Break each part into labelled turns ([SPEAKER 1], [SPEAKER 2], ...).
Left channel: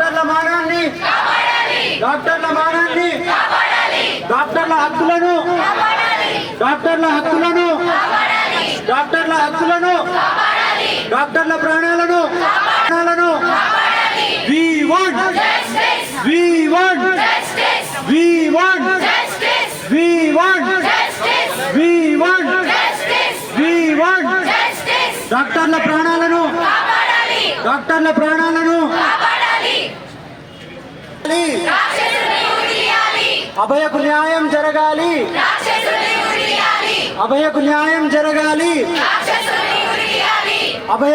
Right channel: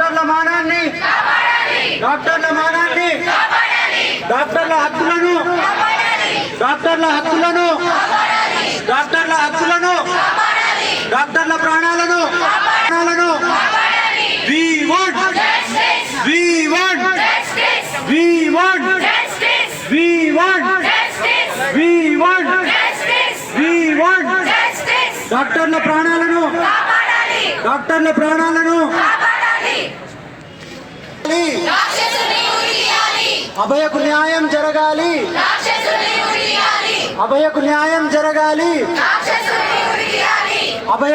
[SPEAKER 1] డాక్టర్ల మానాన్ని. డాక్టర్ల మానాన్ని. డాక్టర్ల హక్కులను. డాక్టర్ల హక్కులను. డాక్టర్ల హక్కులను. డాక్టర్ల ప్రాణాలను. ప్రాణాలను. We want we want we want we want we want we want డాక్టర్ల ప్రాణాలను. డాక్టర్ల ప్రాణాలను. అభయకు న్యాయం జరగాలి. అభయకు న్యాయం జరగాలి. అభయ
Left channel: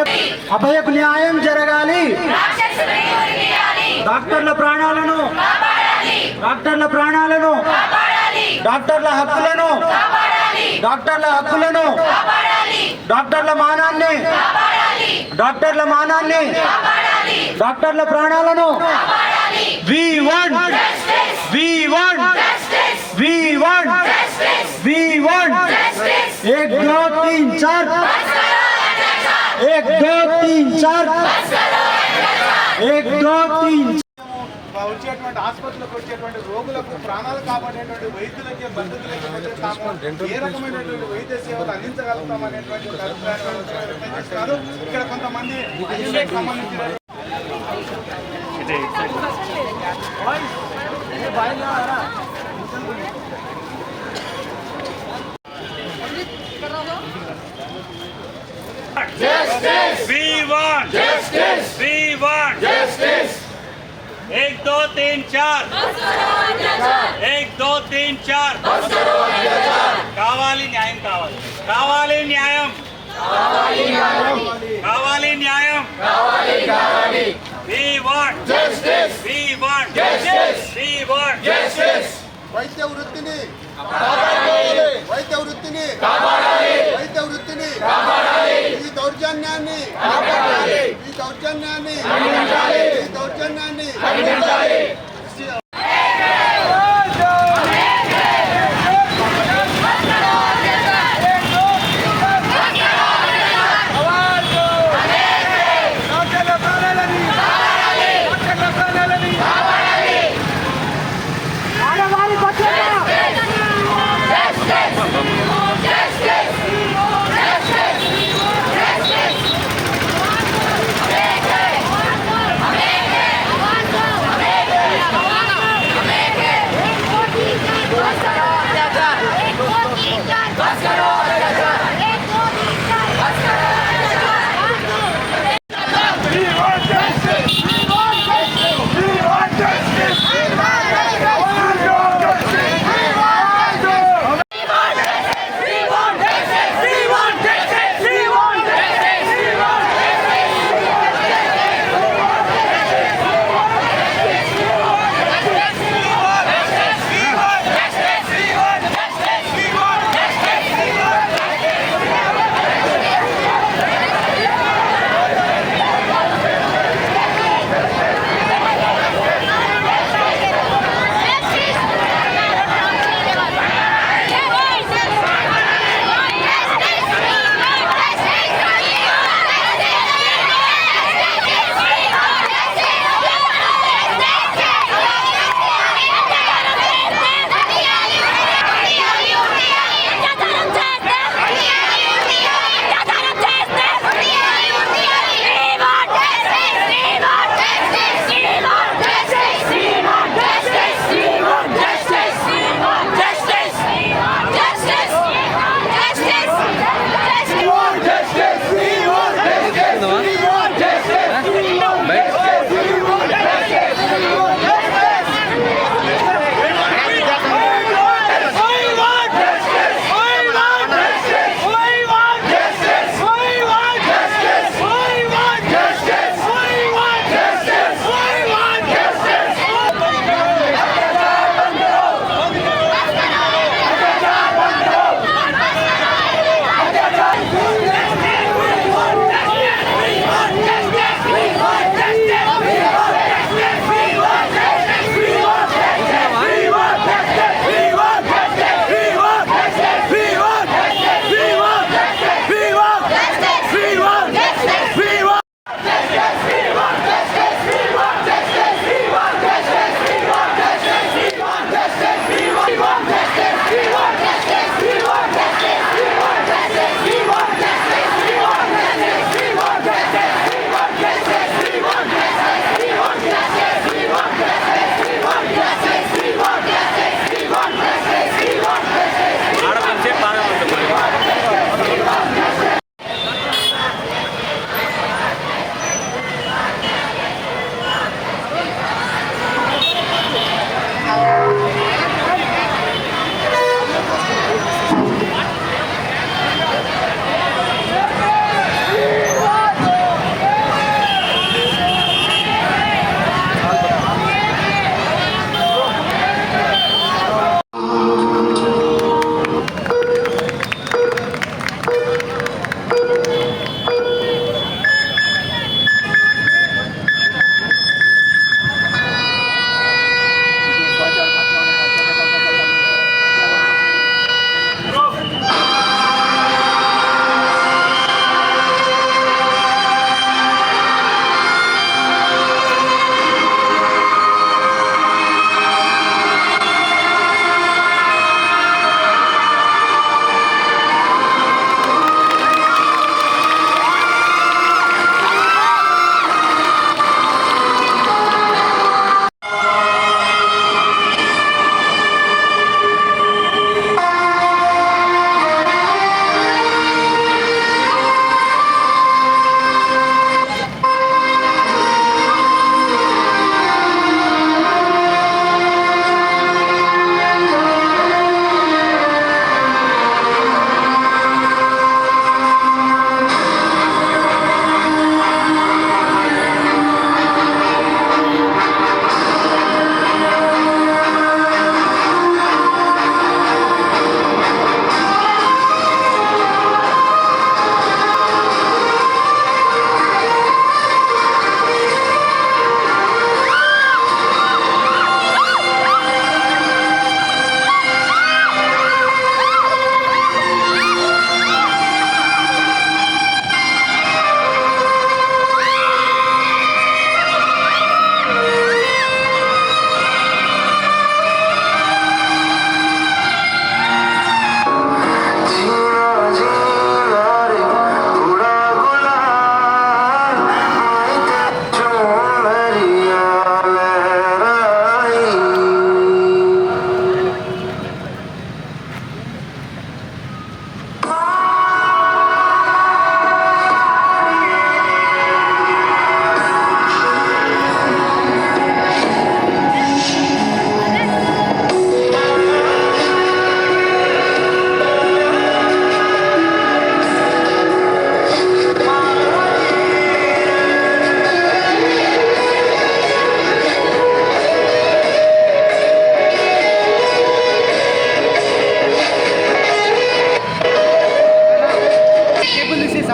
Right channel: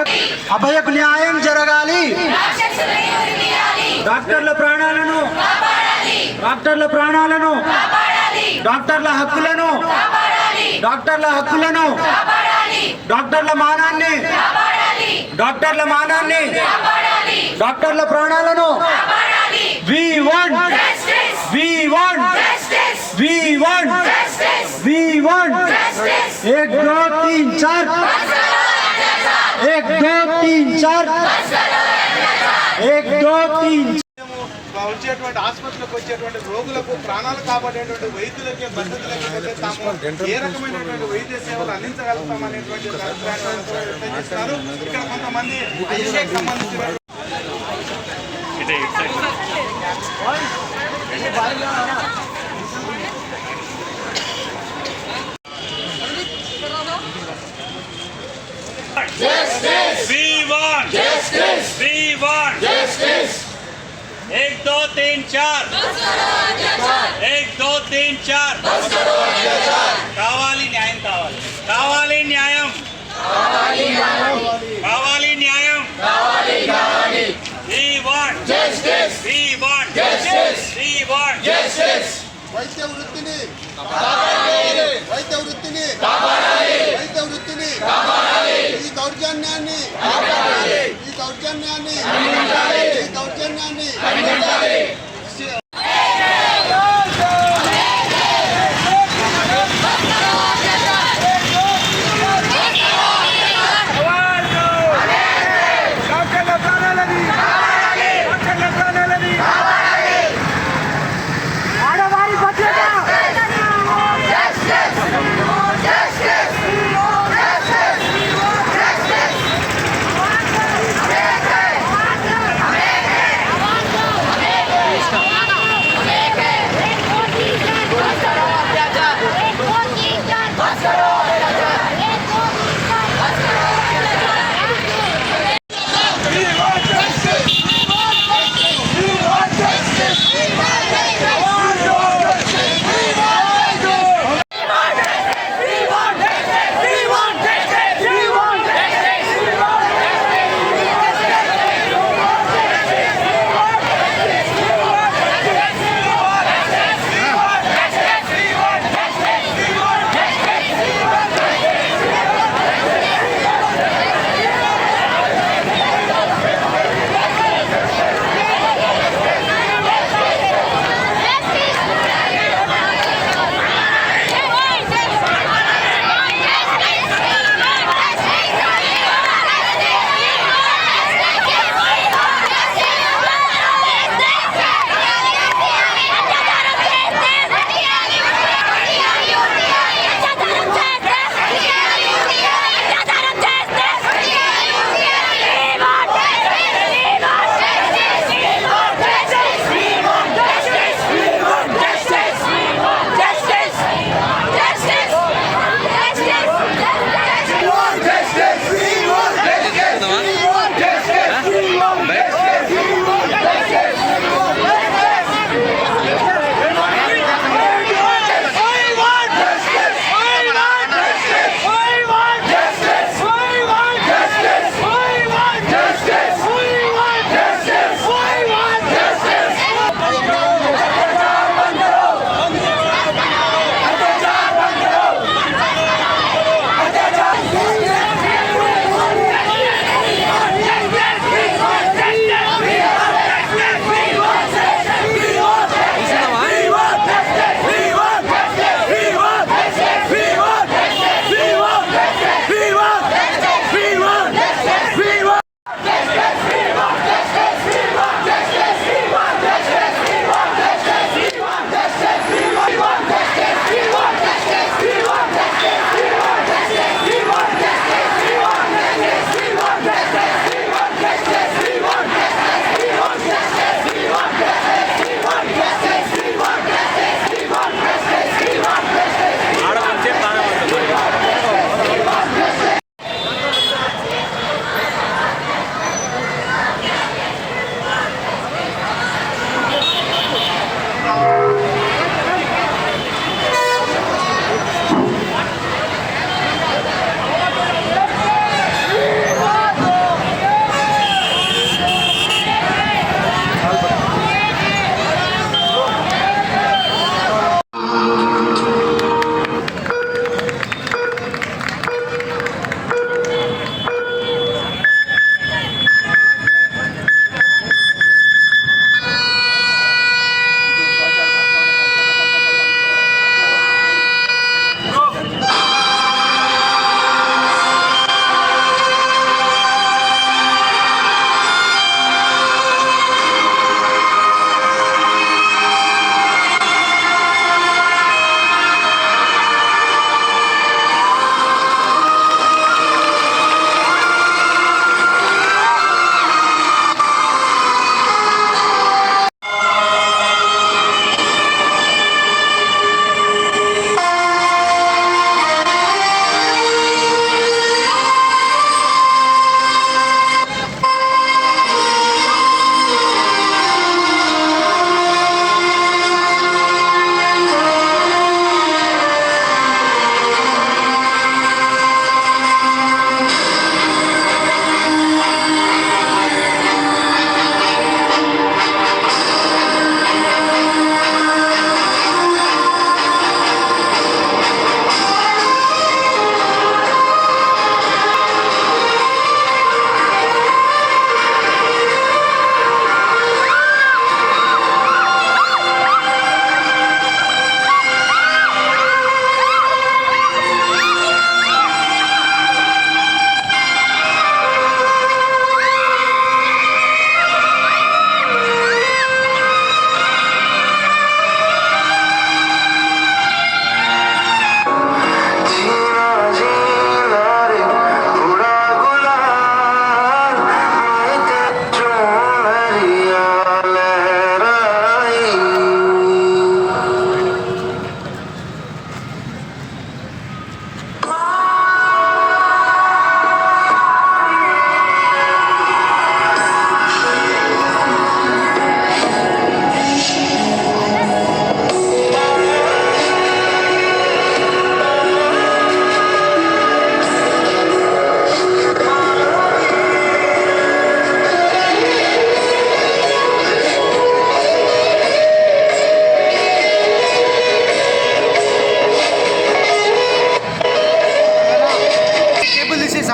[SPEAKER 1] అభయకు న్యాయం జరగాలి. డాక్టర్ల ప్రాణాలను డాక్టర్ల ప్రాణాలను డాక్టర్ల హక్కులను డాక్టర్ల హక్కులను డాక్టర్ల మానాన్ని డాక్టర్ల మానాన్ని డాక్టర్ల ప్రాణాలను we want we want we want we want एक दो तीन चार एक दो तीन चार एक दो तीन
[SPEAKER 2] వచ్చేటువంటి ఆసుపత్రులకు వచ్చేటువంటి రోగులకు ప్రాణాలు కాపాడేటువంటి వైద్యులకి పద్ధతులకి తాము ఏ రకమైనటువంటి వైద్య సేవలు అందించగలుగుతాం అనేటువంటి అభిప్రాయాన్ని వ్యక్తం చేస్తున్నారు ఇక్కడ కొంతమంది అభిషేక్ సంబంధించిన
[SPEAKER 3] We want justice. We want justice. एक दो तीन चार एक दो तीन चार కావాలి న్యాయం కావాలి కావాలి న్యాయం కావాలి న్యాయం We want justice. We want justice. We want justice.
[SPEAKER 2] వైద్య వృత్తిని వైద్య వృత్తిని వైద్య వృత్తిని ఈ దౌర్జన్యాన్ని ఈ దౌర్జన్యాన్ని ఈ దౌర్జన్యాన్ని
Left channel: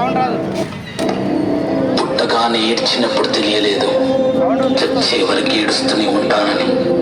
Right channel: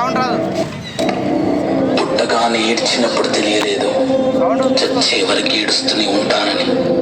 [SPEAKER 4] సౌండ్ రాదు. ఏడ్చినప్పుడు తెలియలేదు. చచ్చే వరకు ఏడుస్తూనే ఉంటానని.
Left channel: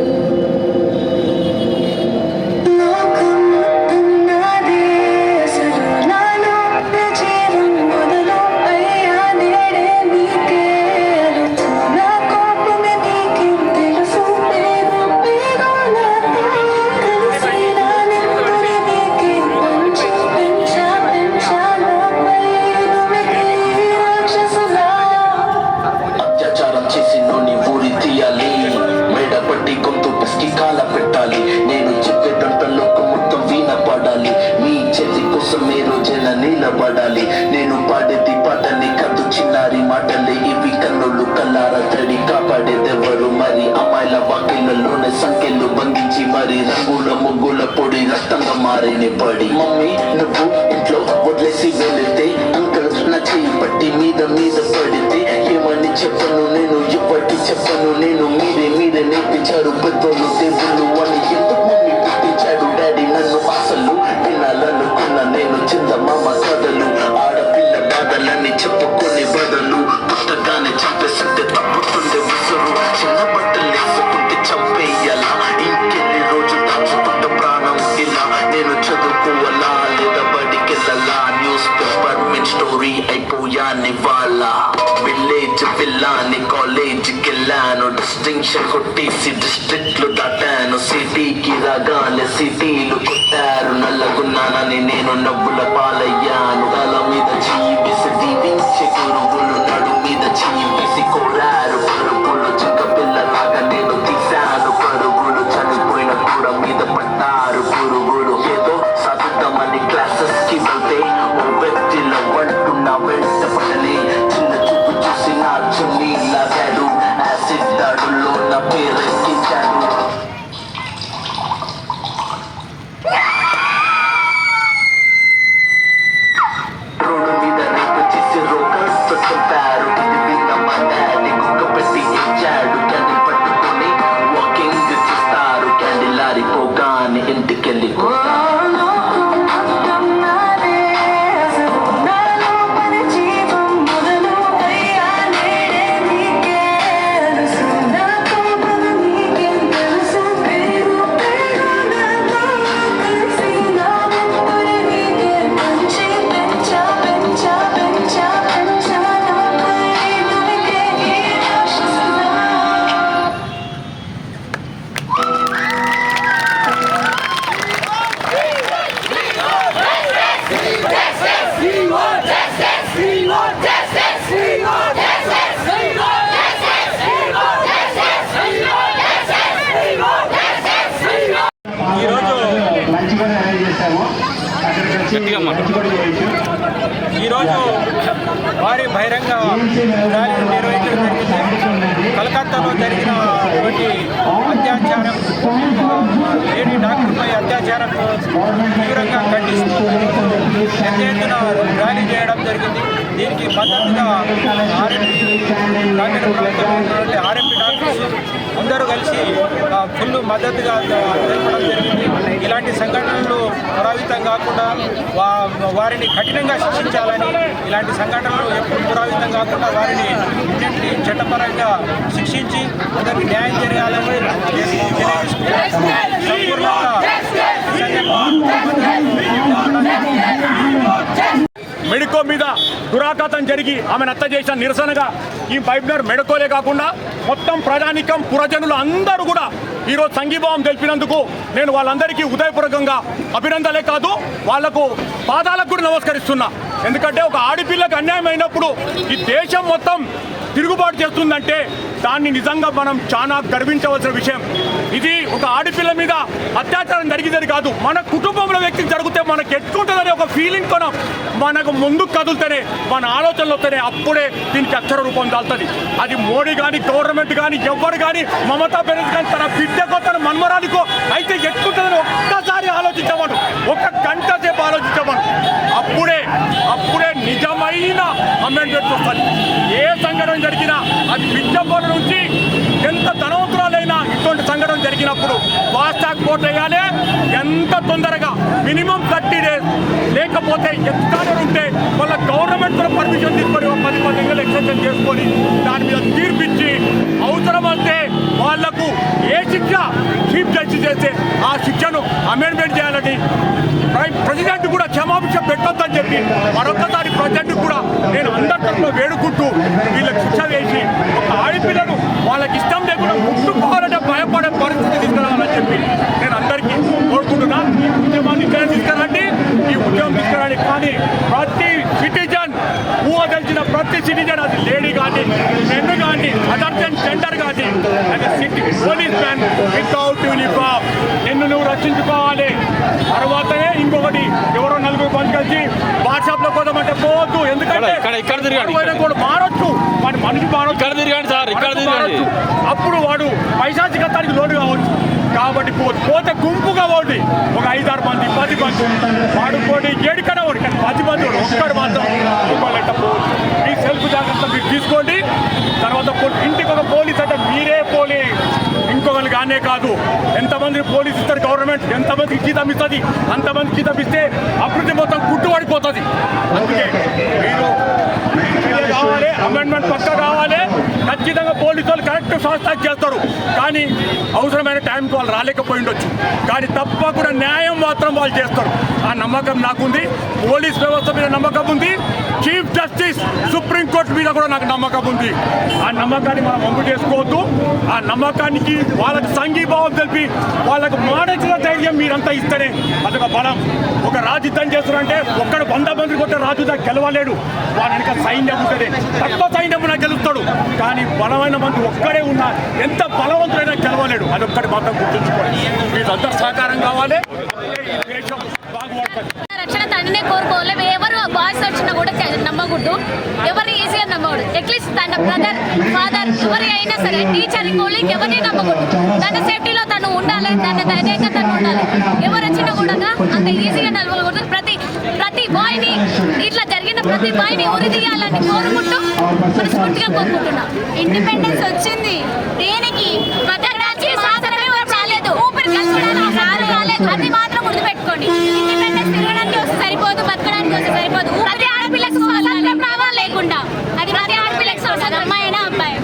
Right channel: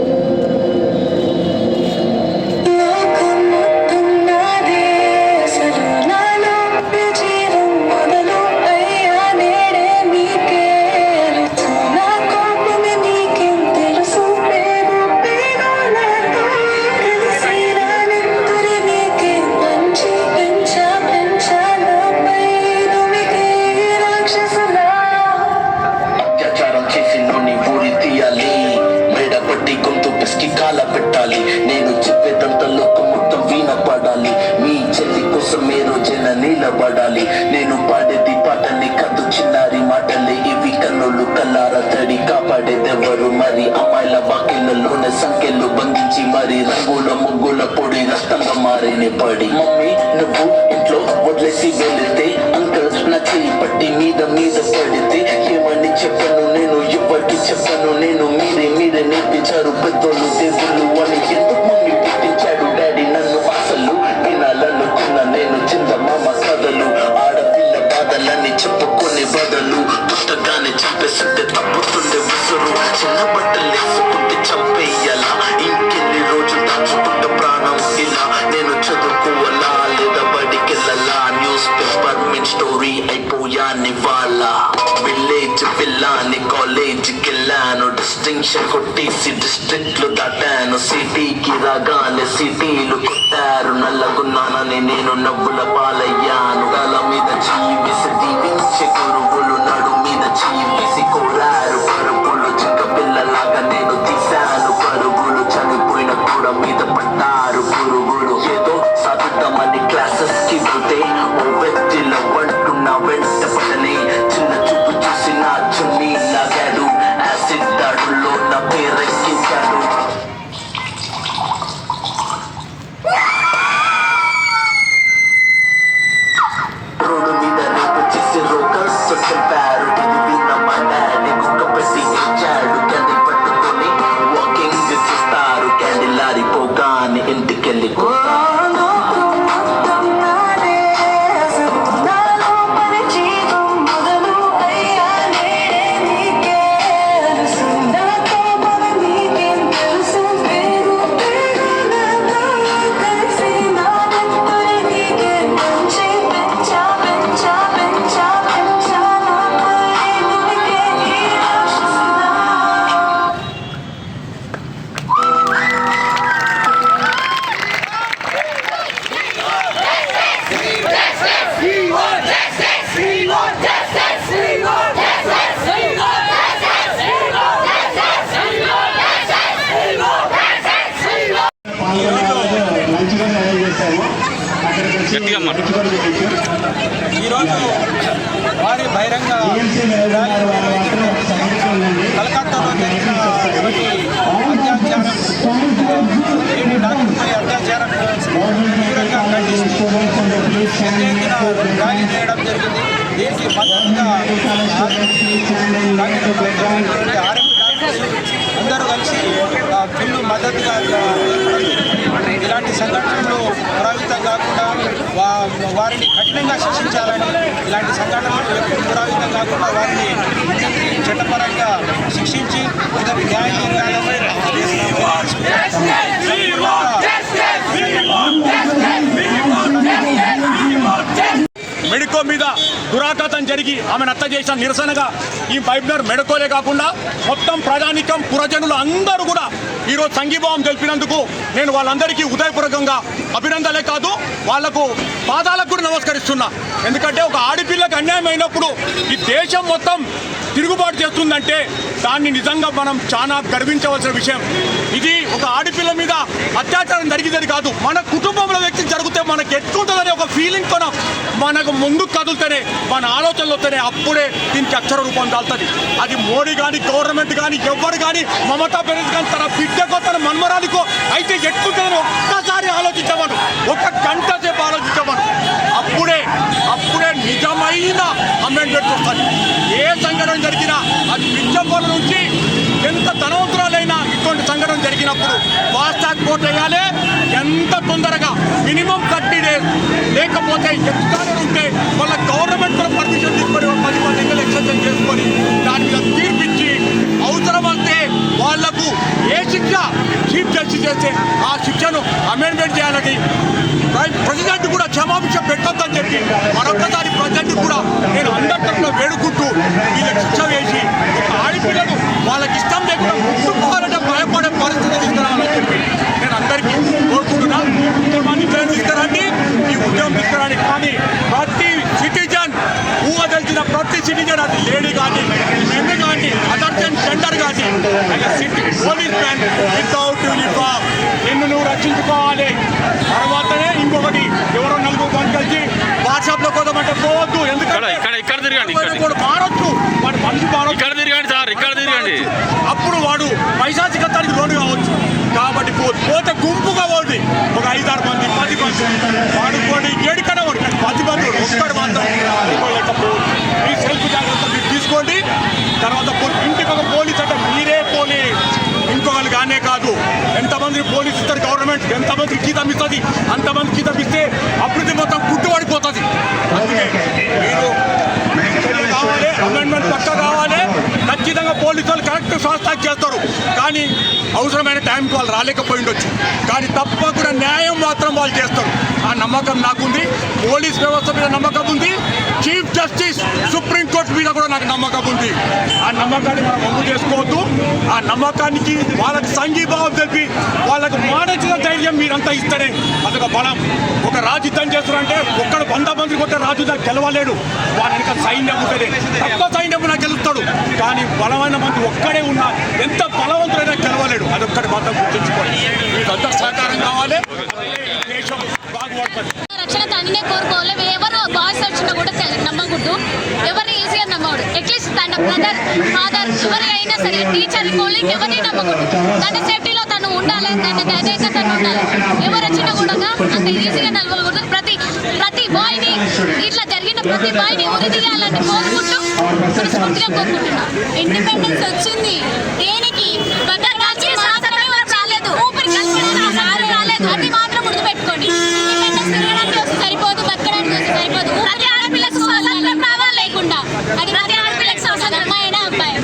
[SPEAKER 4] ముగ్గుల పొడి పడి మమ్మీ నువ్వు ఇంట్లో వదిలేసి వెళితే అంకల్ నా చేయి పట్టి మీద మీద పడితే ఏమని చెప్పను నేను? ఇప్పటికి చెప్పను నేను? మీరే మీరే నేర్పించారు పెద్దోళ్ళు దేవుళ్ళు. అయిపోయాని వాళ్ళ విలేజ్ పిల్లాని కాలేజ్ కెళ్ళాను డిస్టింక్షన్ కొట్టేసి డిస్ట్రిక్ట్లు దాటాను సిటీకి రాగానే సిటీలు కొట్టారు నల్లగున్నానని నేను నవ్వుల పాలయ్యాను తల మీద జీవిసి దీవించి గురువులు నడు మీద జీవిసి కోరారు పరుగులు చింక పిల్లలాగా నేను తీశాను పరుగులు చనిపోయిన కూడా మీద పడ్డారు పురుగులు ఏదో సాధిద్దామని క్లాసెస్కి వెళ్తే ఓ వ్యక్తిలో
[SPEAKER 5] always.
[SPEAKER 6] ఈరోజు భారీ బహిరంగ ర్యాలీ నిర్వహించడం జరిగింది. కలకత్తాలో జరిగినటువంటి అత్యాచారం ఆ, లేడీ డాక్టర్పై అత్యాచారం తీవ్రంగా ఖండిస్తూ పెద్ద ఎత్తున ర్యాలీ చేయడం జరిగింది. దీనికి మద్దతుగా ఆర్ఎంపీ గ్రామీణ ప్రాంతంలో ఆర్ఎంపీ డాక్టర్స్ అందరూ కలిసి ఫుల్ మద్దతుగా ఏర్పడడం తెలపడం జరిగింది. ఇలాంటి సంఘటనలు పురావితం కాకుండా వా వారిని కఠినంగా శిక్షించాలని ఇలాంటి సంఘటనలు ఎప్పుడు పురావితం కాకుండా వారిని చట్టపరంగా శిక్షించి అందరికి న్యాయం జరగాలని సంపూర్ణంగా
[SPEAKER 5] మెడికో మీద దురాఘాతం జరిగి ఆమెను నత్త చేసిన నిరసనగా ఈ పైప్నర్ మెడకోలే కాకుండా మొత్తం ప్రజానికం పురజనులు అందరూ కూడా ఈరోజు సంఘీభావం తెలిపినందుకు నేను వాళ్ళందరికీ ఉదయపూర్వకంగా అభినందనలే కాదు వాళ్ళకు పాదాలకు కూడా నమస్కరిస్తున్నా. ఎందుకంటే ఒక ఆడపిల్లకు అన్యాయం అయినప్పుడు ఈ దేశం మొత్తం తిరుగుబాటు చేస్తుందంటే దాన్ని నిజంగా మనం చాలా గర్వించవలసిన విషయం. ఇది ఒక ఆడపిల్ల మీద అత్యాచారం జరిగిందని కాదు మన కుటుంబంలో వ్యక్తి జరిగితే మనకు ఎట్టుకుంటుందనే ఒక ఫీలింగ్ మనం మనకు ముందు కదులుతేనే మన ఆలోచనలు వస్తేనే అప్పుడే దీనికి అక్షర రూపం దాల్తుంది. అది మోడీ కానీ గవర్నమెంట్ కానీ ఎవ్వరు కానీ మమతా బెనర్జీ కానీ తన బిడ్డకో తన మన్మరాలికో అయితే ఎట్టుకుంటుందని ఒక్కసారి ఆలోచించమను. ఒక గంట సేపు ఆలోచించమను. అప్పుడే అప్పుడే నిజమైన అమెండ్మెంట్ వస్తుంది ఏ సంఘటన జరిగినా అది విద్యపోల నుంచి ఎంత ధనవంతురాలైనా ఇటువంటి సంఘటన జరిగినప్పుడు ఫాస్ట్ ట్రాక్ కోర్టు వేయాలి. ఎంత తొందరగా మినిమం థర్టీ డేస్ లేకపోతే ఎక్స్ట్రా ఉంటే వాళ్ళ గవర్నమెంట్ కూడా పర్మిషన్ తీసుకొని పది పది పదిహేను ఎక్స్టెన్షన్ చేసుకొని దాని మీద తీర్పిచ్చి అవసరం వాళ్ళకు ఏ శిక్ష చీఫ్ జస్టిస్ చేస్తే ఆ శిక్షను అమెండ్మెంట్ చేయాలని ప్రెసిడెంట్ కూడా క్షమాభిక్ష పెట్టొద్దని చెప్పి మరొకసారి ప్రెసిడెంట్ కూడా నేను అందరి తరఫున వేడుకుంటూ వీళ్ళకి శిక్ష వేసి ఒక ఆడపిల్లను వాళ్ళకి ఇష్టం లేకుండా ముట్టుకోవాలంటే భయపడే పరిస్థితి తీసుకురావాలని చెప్పి నేను అందరికీ కోరుకుంటున్నా. ఈ ఉద్యమాన్ని ఇక్కడ తీసుకురండి. ఈ ఉద్యమం తీసుకురండి. కానీ ప్రతి సిటిజన్ ఊహ తెలిసిన ప్రతి సిటిజన్ అది లేడీ కానీ జెండర్ కానీ అది city police man without uniform నిన్ను నువ్వు రక్షించుకోవాలి. తర్వాతనే ఇంకొకటి ఎవరో నలుగురు బంద్ కలిసి వాట్సాప్లో పోదామంటే పోవద్దు. ఎందుకంటే మారొచ్చు. వాడి మనిషి మారొచ్చు.
[SPEAKER 7] ఇక్కడ తిరగండి సార్, ఇక్కడ తిరగండి.
[SPEAKER 5] అప్పుడు వాడు పైశాచికత్వానికి లోను కావచ్చు. కాబట్టి పోతే గుంపుగా పోండి. ఒక ఐదారు మంది పది మంది. వాడుకోండి ఏడికడ ఒకటి కానీ పది మంది వాడు ఒక్కడు మాత్రం పోవద్దు మీ సెల్ఫ్ జాగ్రత్త మీరు తీసుకోండి. ఇంటికి మీరే పోలీస్ ఇంకొకరు కానే కాదు. ఎంతమంది పోలీస్ ఇస్తారు గవర్నమెంట్? ఎంతమందికి జీతం ఇస్తుంది? అంతమంది జీతం ఇస్తే అభివృద్ధి మొత్తం గుట్టుపడిపోతుంది అందుకే మీరు కావాలి అమెండ్మెంట్ పక్క కావాలి. ఖచ్చితంగా పోలీసు వాళ్ళు కరెక్ట్ ఫాస్ట్ చేస్తారు. కానీ అవసరమైన టైంకి వాళ్ళు రాలేకపోయి ఉండొచ్చు. కానీ తప్పకుండా న్యాయం మాత్రం వాళ్ళు చేస్తారు. ఆ నమ్మకం నాకుంది. పోలీస్ వ్యవస్థ మీద నమ్మకం ఉంది. చీఫ్ జస్టిస్ సుప్రీంకోర్టు మీద కూడా నాకు నమ్మకం ఉంది. ఆ నమ్మకాన్ని మనం అమలు చేసుకోవద్దు. ఆ నమ్మకానికి వాళ్ళకి సంఘీభావం తెలిపి వాళ్ళకు మానసిక ధైర్యం మీరంతా ఇస్తేనే అదొక బలం. ఒక రాజ్యుద్ధం చేస్తున్నారంటే ఒక్కడు వంద మంది కొట్టే రాజు గెలవలేడు. వాని సైన్యం ఉంటుంది తక్కువ సైన్యం నాకు గెలుస్తాడు. కానీ బలమైన మంది ఒక్కడే ఉన్నా ఎంత బలవంతుడైనా గెలవలేడు. అదొక్కటి మాత్రం గుర్తుంచుకోండి. అంత సహకారం కావాలి. దేశం
[SPEAKER 7] రక్షణ తండ్రినే కోరుకోవాలి. ఎవరు బాయ్స్ వచ్చినా కూడా నమ్మకూడదు. ఎవరిని ఈజీగా నమ్మకూడదు. అట్లీస్ట్ తన బ్రదర్ ఫాదర్ ఎవరి అయినా సరే టీచర్ కోలీగ్ ఎవరిని నమ్మకూడదు. తన సేఫ్టీలో తను ఉండాలి తన ధైర్యంగా తను ఉండాలి. ఎవరు వచ్చినా కూడా అంత ఈజీగా నిలవకూడదు ప్రతి ప్రతి బాయ్ని ఇట్లా జరిగిన ప్రతి బాయ్ని ఉరి తీయాలని కోరుకుంటూ మనస్ఫూర్తిగా కోరుకుంటున్నా. ఇండిపెండెన్స్ వచ్చింది. దేనికి? బతకడానికి మాత్రమే రాలేదు. ఊపిరి కలపడానికి రాలేదు. అది మాత్రం గుర్తుపెట్టుకోండి ఇండిపెండెన్స్ తిరగడానికి వస్తే సరిపోదు బతకడానికి సరిపోదు. ప్రతి ఆడపిల్లకు లేకుండా. అది ప్రతి ఆడపిల్లకు అమ్మాయి అయినా అబ్బాయి.